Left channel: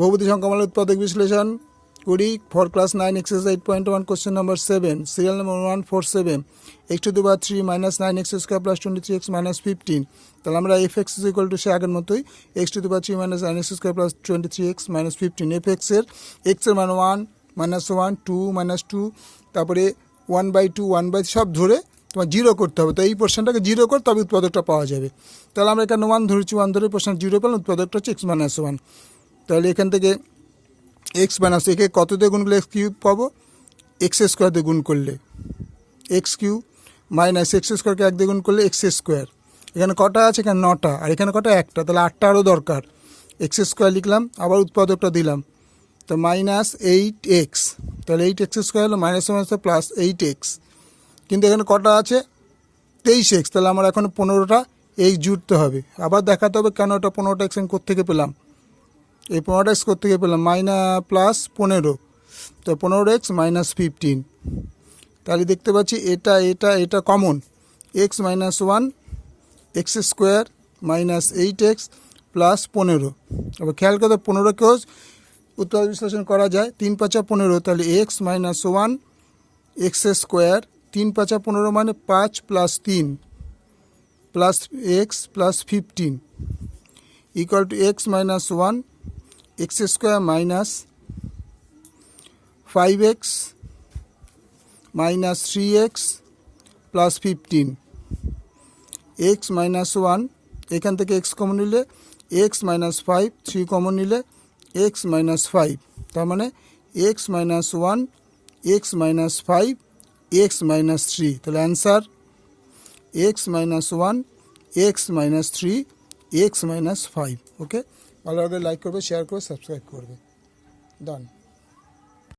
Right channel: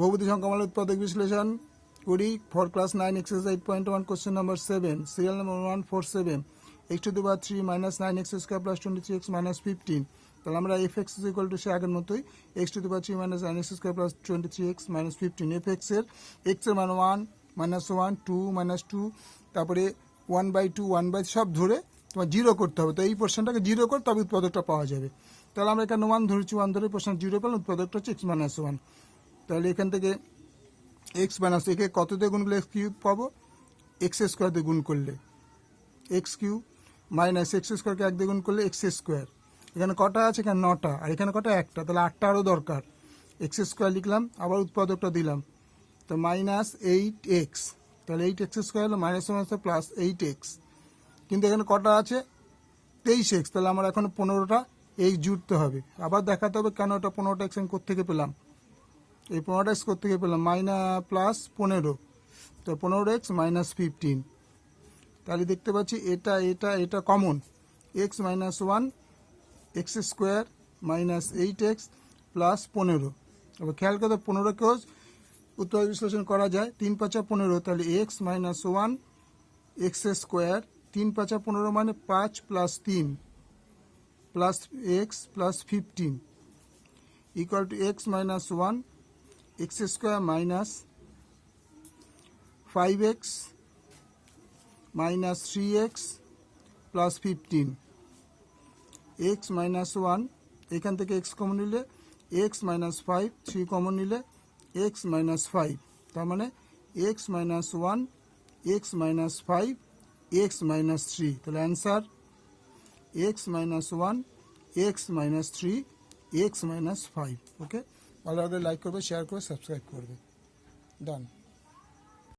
বহুপতি সংখ্যামালা উৎপাদক বিশ্লেষণ করি। For class nine exercise eight point one question number seven serial number one four seven x to the power three minus nine x square plus twenty three x minus fifteen তাহলে আমরা F x equal to সে আগের মতোই x to the power three minus nine x square plus twenty three x minus fifteen F এক্সের এক্সের মান one minus one two minus two তারপরে one by two one by সব ধরে তোমার জিরো করতে হবে। তো এই পোর্শনটাকে জিরো কর, তবে উৎপাদকটা পাওয়া যাবে। তাহলে আমরা এখানে ওয়ান ধরেছি ওয়ান ধরে পোর্শন জিরো পেলাম, উৎপাদকটা হচ্ছে এক্স মাইনাস ওয়ান তাহলে এখান থেকে এক্স মাইনাস একে কত দিয়ে গুণ করলে এক্স কিউব পাবো? এক্স স্কোয়ার দিয়ে গুণ করলে। এক্স কিউ মাইনাস এক্স স্কোয়ারকে এক দিয়ে গুণ করলে এক্স স্কোয়ার এখানে কটা আছে? এখানে নটা। আর এখানে কটা? একটা। তাহলে আটটা আরও দরকার। এক্স স্কোয়ার লিখলাম, আবার উৎপাদকটা দিলাম। তো মাইনাস এইট এক্স তাহলে এইট এক্স স্কোয়ার হলো minus minus plus eight x কিন্তু এখানে কটা আছে? তেইশ এক্স তাহলে আমার এখন পনেরোটা এক্স জুড়তে হবে। আবার দেখাতে হবে কেন ওটা পনেরোটা এক্স আমি কোথেকে পেলাম? এই পনেরোটা এক্স কোথেকে পেলাম মাইনা প্লাস পনেরো। তো পনেরো এক্স মাইনাস ফিফটিন। তাহলে দেখতে পাচ্ছি এটা এটা এটা common. X minus one, x square minus eight x plus পনেরো। এবার খেয়াল করে পনেরোকেও উৎপাদ বিশ্লেষণ করা যায়, তিন পাঁচা পনেরো, তাহলে x minus one, x square, তিন পাঁচা পনেরো মানে পাঁচ প্লাস তিন plus x plus fifteen. Equal to x minus one x square minus five x minus three x plus fifteen x minus one এখান থেকে এক্স কমন নিলে x minus five three common নিলে এক্স মাইনাস ফাইভ তার মানে x minus one x minus five x minus three তাহলে answer x minus one x minus three x minus five okay ভালো লাগলে like করবে share করবে subscribe করবে ডান